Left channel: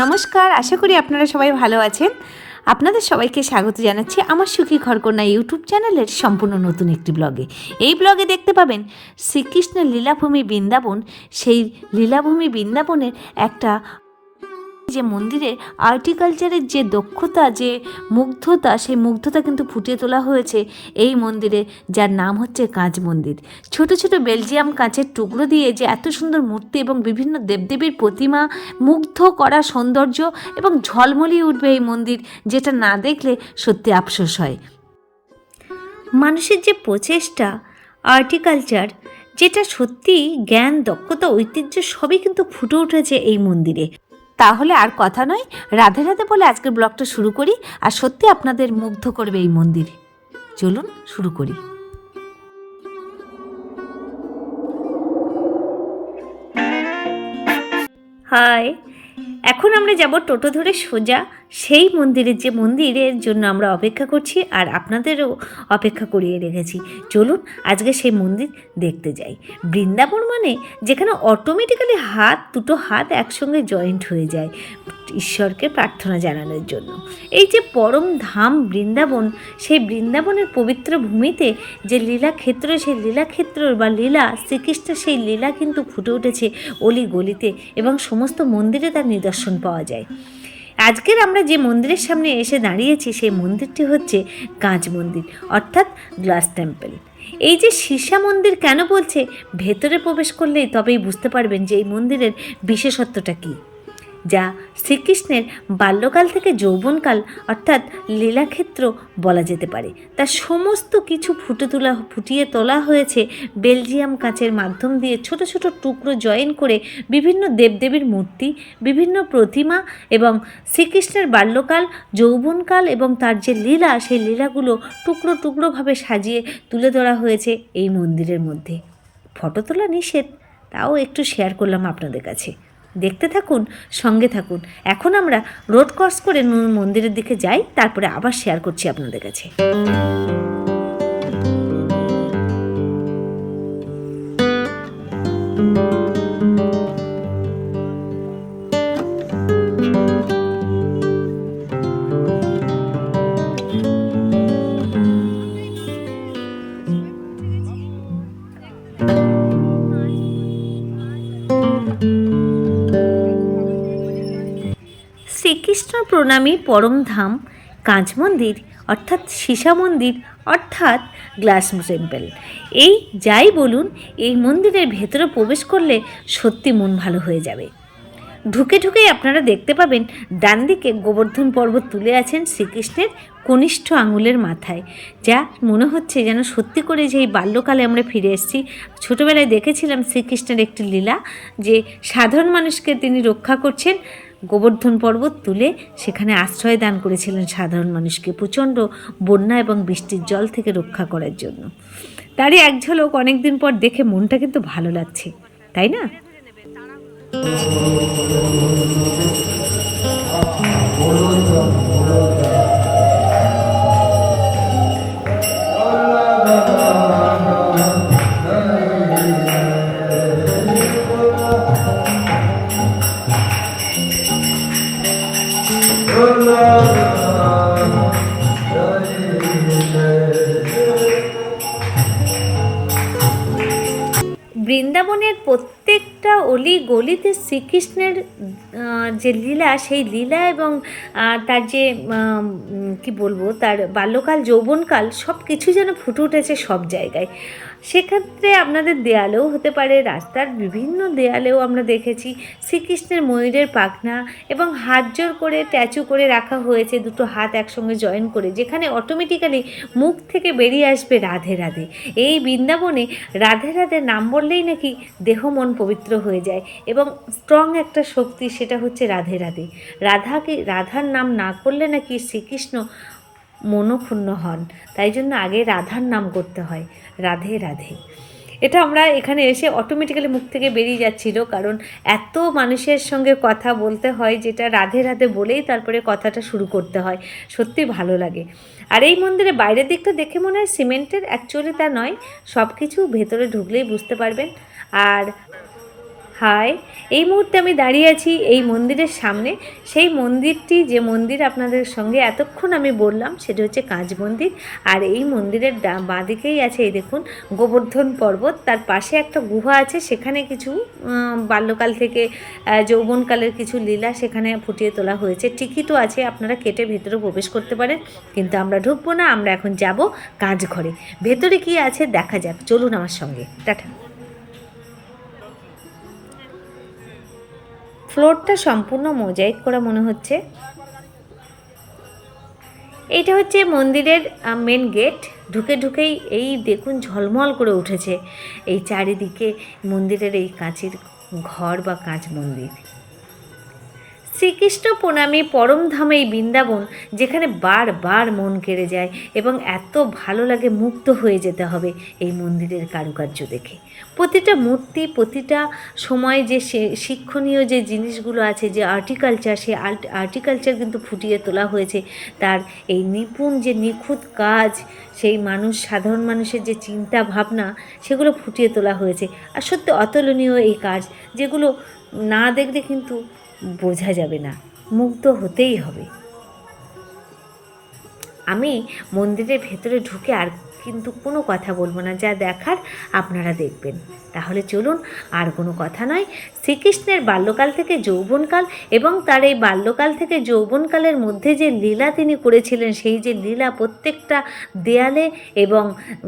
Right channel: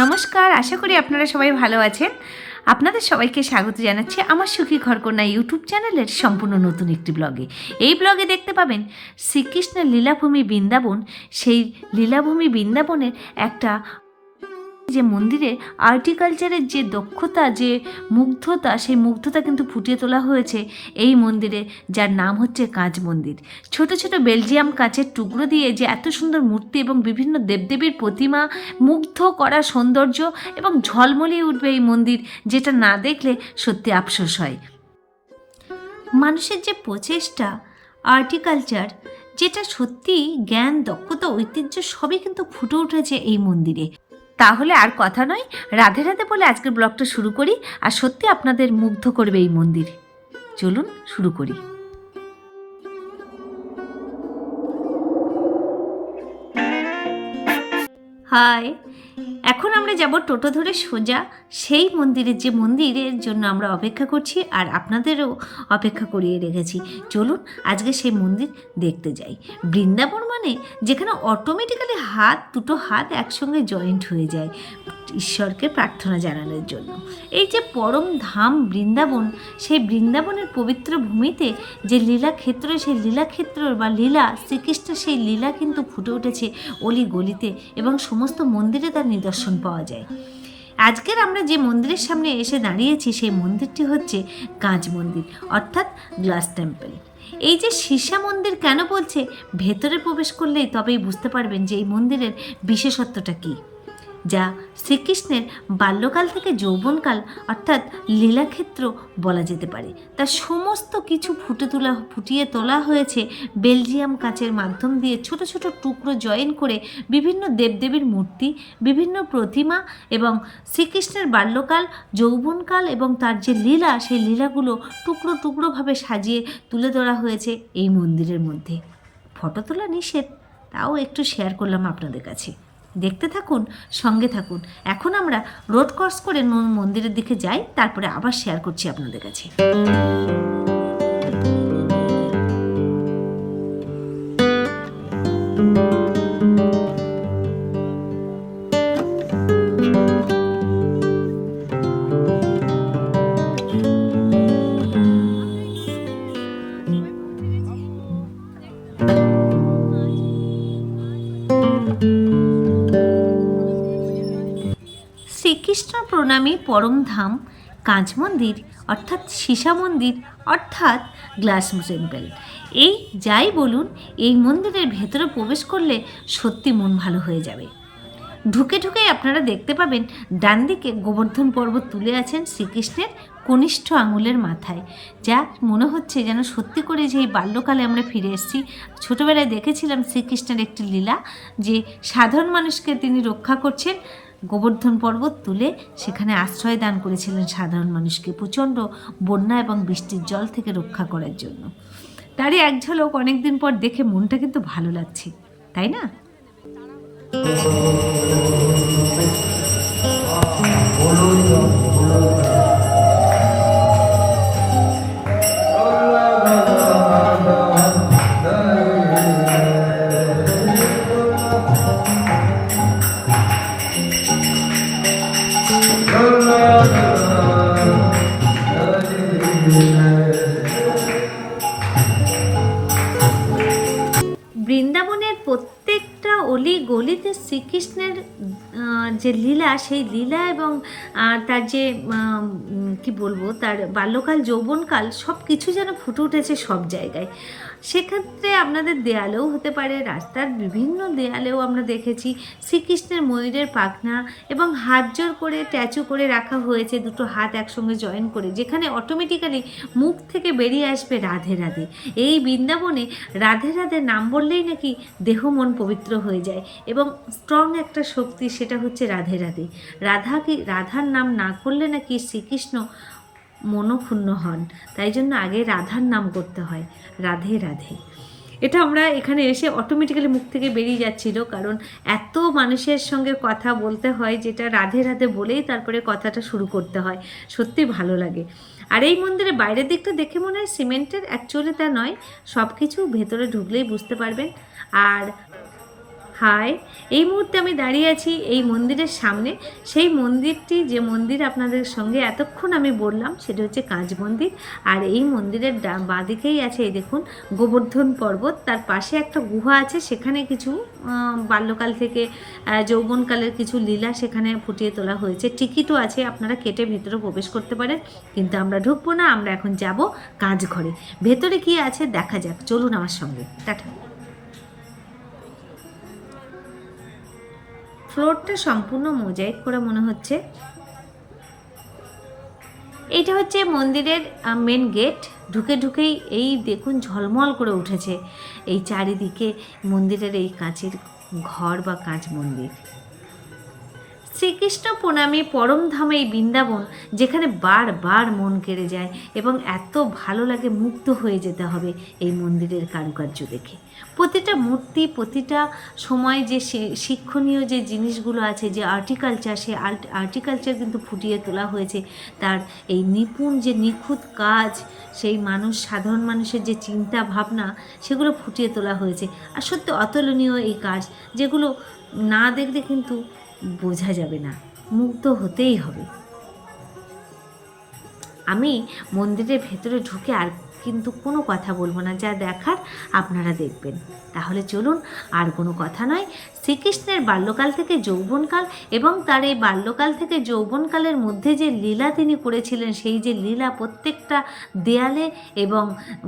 নমস্কার, আশা করি আপনারা সবাই ভালো আছেন। আপনাদের সবাইকে স্বাগত জানাচ্ছি আমার সুখী ঘরকন্যা ইউটিউব চ্যানেলের সম্পূর্ণ নতুন একটি ব্লগে। এই ব্লগে দেখতে পাবেন শ্রীকৃষ্ণের লীলাভূমি বৃন্দাবন। সেই লীলাভূমি বৃন্দাবনের একটা যে মন্দিরে আর্টিকালচারের যে দক্ষতা, যে মুগ্ধতা, সেই মুগ্ধতা কিন্তু ফুটিয়ে তোলা হয়েছে এই মন্দিরে, যার নাম হচ্ছে কাঁচ মন্দির। ছোট ছোট বেলজিয়াম কাঁচের টুকরো দিয়ে যে এত সুন্দর মূর্তি এবং বিভিন্ন দেবদেবীর প্রতিমা মুগ্ধ করা সৌন্দর্য এবং ঝলমলিয়ে উঠবে এই মন্দির, যেটা না দেখলে সত্যি আফসোস হয়। মানুষের যে প্রচেষ্টা, আর্টিকালচার, যেটা সত্যি জ্ঞান, দক্ষতা, ঐতিহ্য সবই কিন্তু ফুটে উঠেছে এই মন্দিরে। তাহলে আর কথা নয়, রাধে রাধে বলে আজকের ব্লগটা শুরু করি। আর সত্যি আপনাদের মুগ্ধ করবে এই মন্দির। চলুন শুরু করি। হাই এখন আমরা যাব টোটো ধরে সোজা। সেই মন্দিরের যে মন্দিরের জন্য আমরা অপেক্ষা করছি আর আপনাদেরও অপেক্ষা করিয়ে রেখেছি। চলুন আজকে সেই মন্দির দেখতে যাই। বৃন্দাবন মানে যেখানে অটোমেটিক্যালি হাত, দুটো হাত একসঙ্গে জয়েন্ট হয়ে যায়। ঈশ্বরকে প্রার্থনা জানানোর জন্য। এই যে পরম ধাম বৃন্দাবন, সেই বৃন্দাবনের পবিত্র ভূমিতে যে লীলাক্ষেত্র সেই লীলাক্ষেত্র বা লীলা শ্রীকৃষ্ণের সেই লীলা কিন্তু ফুটে উঠেছে অলি গলিতে এবং সমস্ত মন্দিরে তার নিদর্শন পাওয়া যায়। আজকের আমরা যে মন্দিরের সামনে এসে দাঁড়িয়েছি, সেই মন্দিরটি হচ্ছে কাঁচ মন্দির, অর্থাৎ গ্লাস টেম্পল। এই যে সীসা মন্দির কেন বলছে? ভেতরে প্রবেশ করলেই তবেই বুঝতে পারবেন যে এই মন্দিরের বিশেষত্বটা কী। যা শ্রীকৃষ্ণের বাল্যকাল থেকে যৌবনকাল, অর্থাৎ লীলাক্ষেত্র বলা যেতে পারে। তার সমস্ত কিছু ফুটে তোলা, ফুটিয়ে তোলা হয়েছে বেলজিয়াম কাচের মাধ্যম দিয়ে ছোট ছোট টুকরো জয়েন করে বিভিন্ন দেবদেবীর মূর্তি, বিভিন্ন প্রতিমা এবং শ্রীকৃষ্ণের বাল্যকাল, যৌবনকাল এবং তার যে লীলা, সেই লীলাগুলো টুকরো, টুকরোভাবে সাজিয়ে তুলে ধরা হয়েছে এই মন্দিরের মধ্যে। ফটো তোলা নিষেধ, তাও একটু শেয়ার করলাম আপনাদের কাছে। দেখতে থাকুন, সঙ্গে থাকুন। এখন আমরা রোড ক্রস করে মন্দিরের দিকে যাই, তারপরে আবার শেয়ার করছি আপনাদের কাছে। প্রণামী পরমধাম কাঁচ মন্দির, অর্থাৎ সীসা মন্দির, অর্থাৎ গ্লাস টেম্পল। এই যাই বলুন, এই মন্দিরের ভেতরে প্রবেশ করলে সত্যি মন ভালো হয়ে যাবে। ঢুকে ঢুকেই আপনারা দেখতে পাবেন, ডান দিকে গোবর্ধন পর্বত তুলে আছেন শ্রীকৃষ্ণের কনিষ্ঠ আঙুলের মাথায়। যা মনে হচ্ছে যেন সত্যি করে যে এই বাল্যকালে আমরা ফিরে এসেছি। ছোটোবেলায় দেখেছিলাম শ্রীকৃষ্ণের একটি লীলা, যে সাধারণ মানুষকে তিনি রক্ষা করছেন গোবর্ধন পর্বত তুলে সেখানে আশ্রয় দান করেছিলেন সাধারণ মানুষকে প্রচণ্ড বন্যা এবং বৃষ্টির জল থেকে রক্ষা করার জন্য। তারই এক ঝলক অনেকদিন পর দেখে মনটা কিন্তু ভালো লাগছে, তাই না? বৃন্দাবনের প্রত্যেকটা অলি গলিতে শ্রীকৃষ্ণের যে লীলা, সেই লীলা এবং তার যে কি বলব, তার বাল্যকাল, যৌবনকাল সব কিছু যেন ফুটে উঠেছে সব জায়গায়। সেক্ষেত্রে আপনাদের দেয়ালেও হতে পারে, রাস্তার বিভিন্ন দেয়ালেও আমরা দেখেছি শ্রীকৃষ্ণের ময়ূরের পাখনা এবং হাত জোর করে, ট্যাচু করে রাখা হয়েছে, দুটো হাত একসঙ্গে জয়েন করে, যেখানে অটোমেটিক্যালি মুখ থেকে বেরিয়ে আসবে রাধে রাধে। এই বৃন্দাবনে রাধে রাধে নাম বললেই নাকি দেহ মন পবিত্র হয়ে যায় এবং স্ট্রং একটা শক্তি সেটা হচ্ছে রাধে রাধে। রাধাকে, রাধার নাম না করলে নাকি শ্রীকৃষ্ণ মনক্ষুণ্ণ হন। তাই জন্য আগে রাধার নাম করতে হয়, রাধে রাধে। এটা আমরা এখানে এসে অটোমেটিক্যালি মুখ থেকে বেরিয়ে যাচ্ছিল, কারণ এত মানুষের সঙ্গে কথা বলতে হয় যেটা রাধে রাধে বলেই তারপরে কথাটা শুরু করতে হয়। সত্যি ভালো লাগে। আর এই মন্দিরে বাইরের দিকটা দেখে মনে হয় সিমেন্টের অ্যাকচুয়ালি তা নয় সব কিছু ভেতরে ঢুকলেই বুঝতে পারবেন। আর হাই, এই মুহূর্তে আমি দাঁড়িয়ে আছি এই মন্দিরের সামনে। সেই মন্দিরটি, যে মন্দির আপনাদের সঙ্গে এতক্ষণ আমি বললাম, সেটা হচ্ছে কাঁচ মন্দির। আর এই মন্দিরের বাঁদিকেই আছে এই দেখুন, গোবর্ধন পর্বত। তার পাশে একটা গুহা আছে, সেখানে কিছু বাল্যকাল থেকে যৌবনকালের কিছু লীলা সেখানে ফুটিয়ে তোলা হয়েছে। টিকিটও আছে, আপনারা কেটে ভেতরে প্রবেশ করতে পারেন। কিন্তু আমরা ঢুকবো না, আমরা এখন যাব কাঁচ ঘরে। ভেতরে কি আছে, দেখা যাক। চলুন আমার সঙ্গে। টাটা। ফ্লোরটা সম্পূর্ণ মোজাইক করা মনে হচ্ছে। এইটা হচ্ছে মন্দিরের মেন গেট ঢুকে ঢুকেই এই দেখুন ঝলমল করে উঠেছে। এই চারিদিকে মন্দিরের এই কাঁচের ঘর বা কাঁচ মন্দির। শ্রীকৃষ্ণ প্রণামী পরমধাম এই বৃন্দাবন, যেখানে বারবার মন কেড়ে যায় এবং এত ভালো লাগে মুক্ত হয়ে যেতে হবে এই মন্দিরের কারুকার্য দেখে। প্রতিটা মূর্তি, প্রতিটা সময় যে সে- শিক্ষণীয় যে জিনিসগুলো আছে, যে আর্টিকালচার আর্ট, আর্টিকালচার কিন্তু ফুটিয়ে তোলা হয়েছে, তার এই নিপুণ যে নিখুঁত কাজ, সেই মানুষ, সাধারণ মানুষের যে চিন্তা ভাবনা, সেগুলো ফুটিয়ে তোলা হয়েছে। আর সত্যি অতুলনীয় এই কাজ, যেগুলো না দেখলে কিন্তু বোঝা যাবে না। মুগ্ধ হতেই হবে। আমি মন্দিরের ভেতরে ঢুকে আর কিন্তু কোনো কথা বলব না, যা দেখার আপনারা দেখবেন। তাহলে চলুন, আর কোনো কথা নয় শ্রীকৃষ্ণের বাল্যকাল থেকে যৌবনকাল এবং তার এই বাল্যকাল থেকে যৌবনকালের মধ্যে যে লীলা তিনি করেছিলেন, সেই যে লীলা প্রত্যেকটা দেয়ালে এবং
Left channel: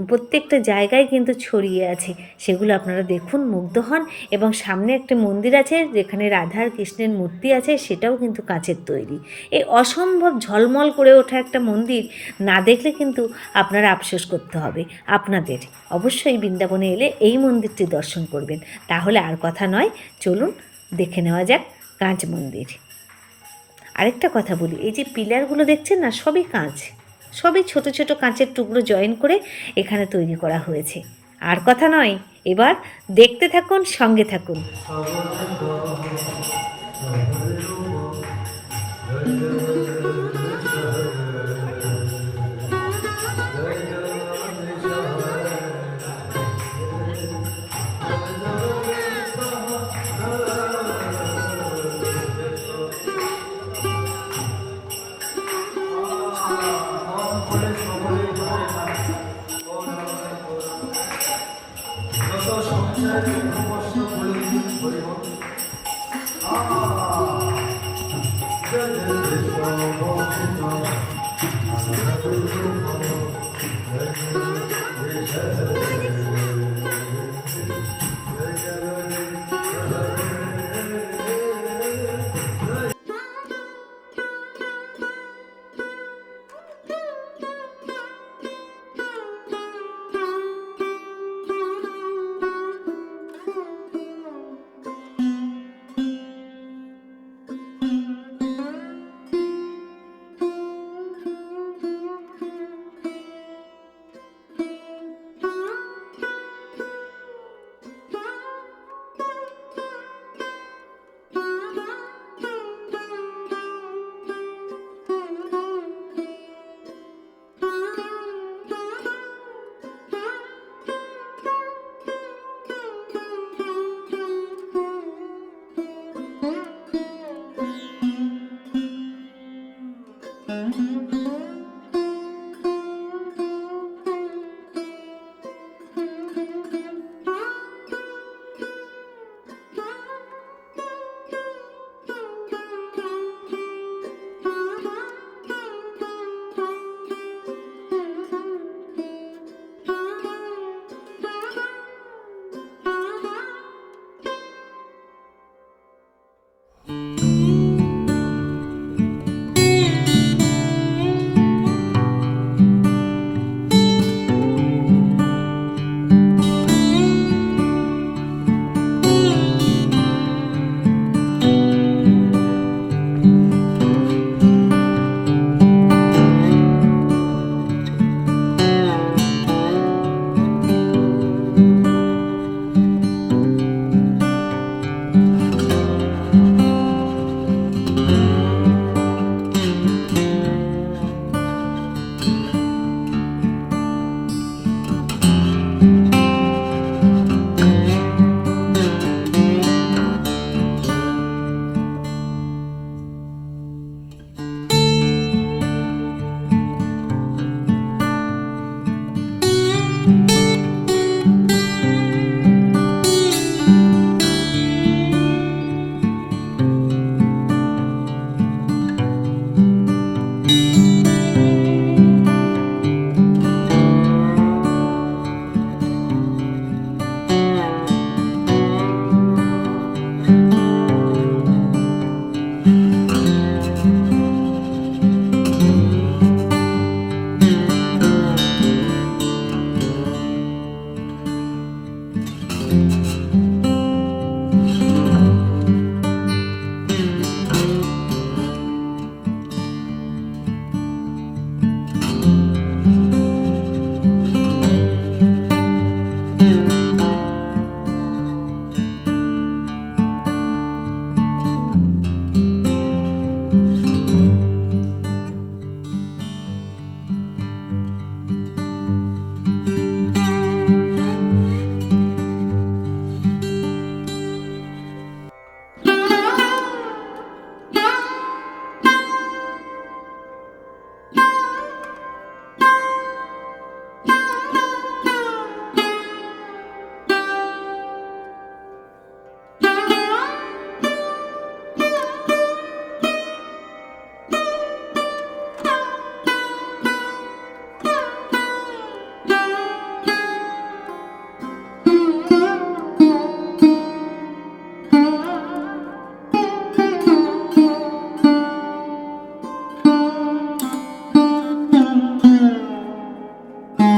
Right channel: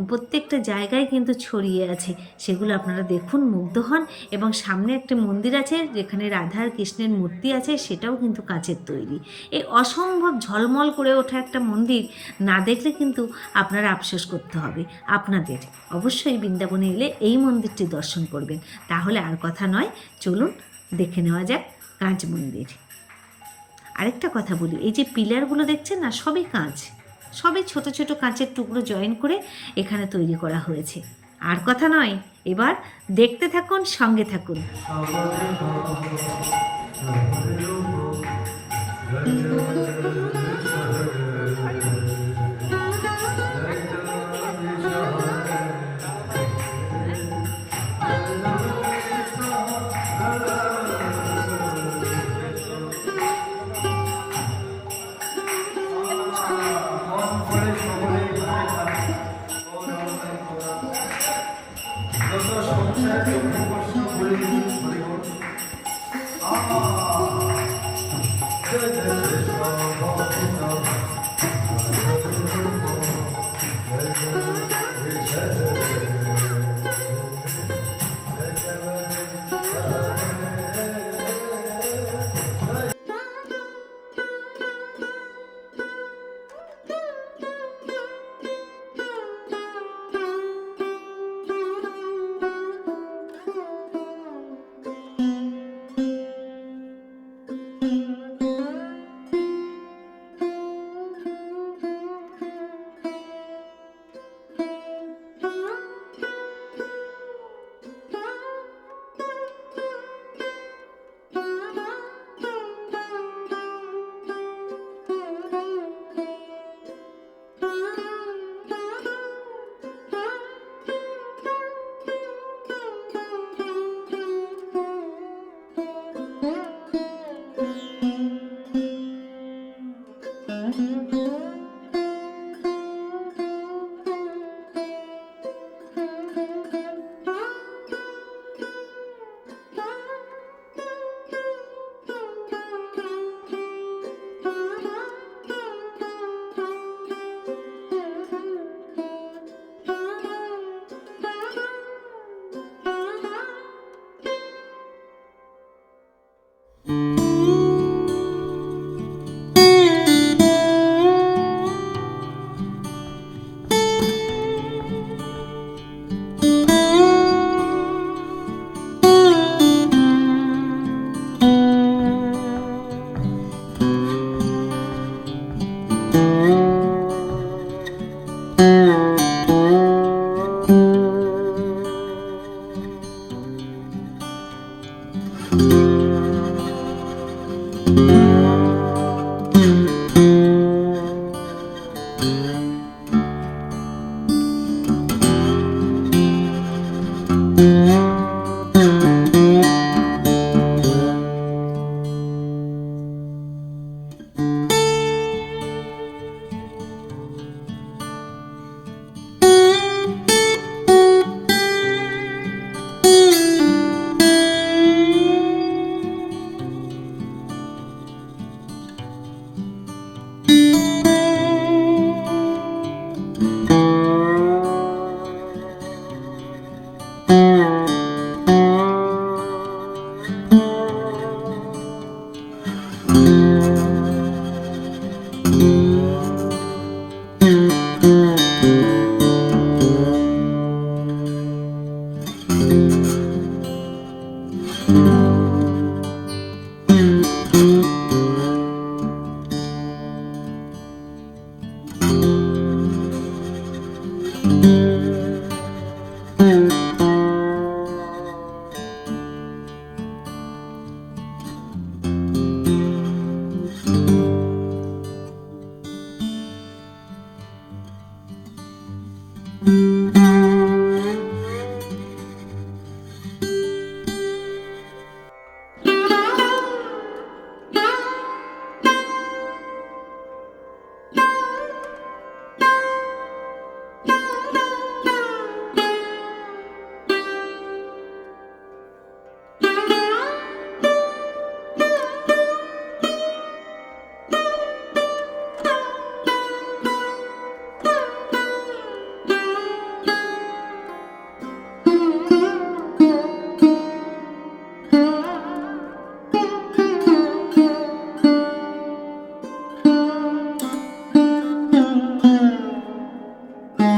প্রত্যেকটা জায়গায় কিন্তু ছড়িয়ে আছে। সেগুলো আপনারা দেখুন, মুগ্ধ হন এবং সামনে একটা মন্দির আছে যেখানে রাধার কৃষ্ণের মূর্তি আছে, সেটাও কিন্তু কাচের তৈরি। এই অসম্ভব ঝলমল করে ওঠা একটা মন্দির না দেখলে কিন্তু আপনারা আফসোস করতে হবে। আপনাদের অবশ্যই বৃন্দাবনে এলে এই মন্দিরটি দর্শন করবেন। তাহলে আর কথা নয় চলুন দেখে নেওয়া যাক কাঁচ মন্দির। আরেকটা কথা বলি, এই যে পিলারগুলো দেখছেন না, সবই কাঁচ। সবই ছোট ছোট কাঁচের টুকরো জয়েন করে এখানে তৈরি করা হয়েছে। আর কথা নয়, এবার দেখতে থাকুন, সঙ্গে থাকুন। Thank you.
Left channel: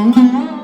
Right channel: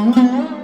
Mm-hmm.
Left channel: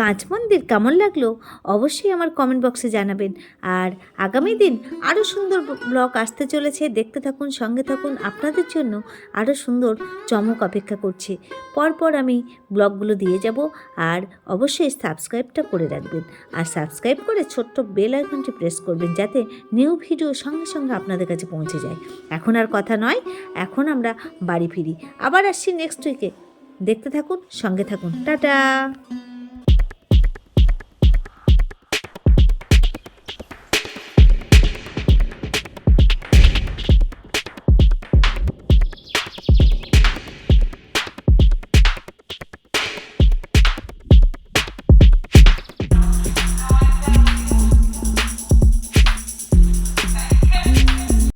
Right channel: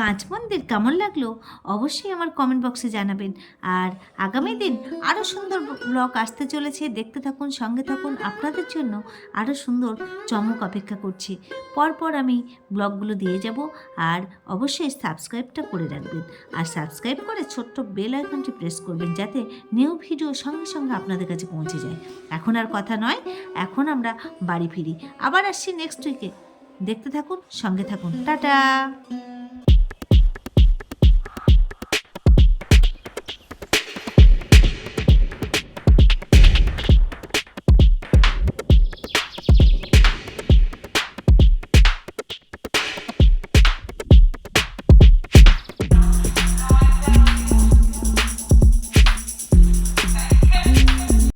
পাঁচ মন্দির কেমন লাগল অবশ্যই আমার কমেন্ট বক্সে জানাবেন। আর আগামী দিন আরও সুন্দর ব্লগ আসতে চলেছে। দেখতে থাকুন, সঙ্গে থাকুন। আপনাদের জন্য আরও সুন্দর চমক অপেক্ষা করছে। পরপর আমি ব্লগগুলো দিয়ে যাব আর অবশ্যই সাবস্ক্রাইবটা করে রাখবেন। আর সাবস্ক্রাইব করে ছোট্ট বেল আইকনটি প্রেস করবেন যাতে নিউ ভিডিও সঙ্গে সঙ্গে আপনাদের কাছে পৌঁছে যায়। এখন আর কথা নয়, এখন আমরা বাড়ি ফিরি। আবার আসছি নেক্সট উইকে দেখতে থাকুন, সঙ্গে থাকুন। টাটা!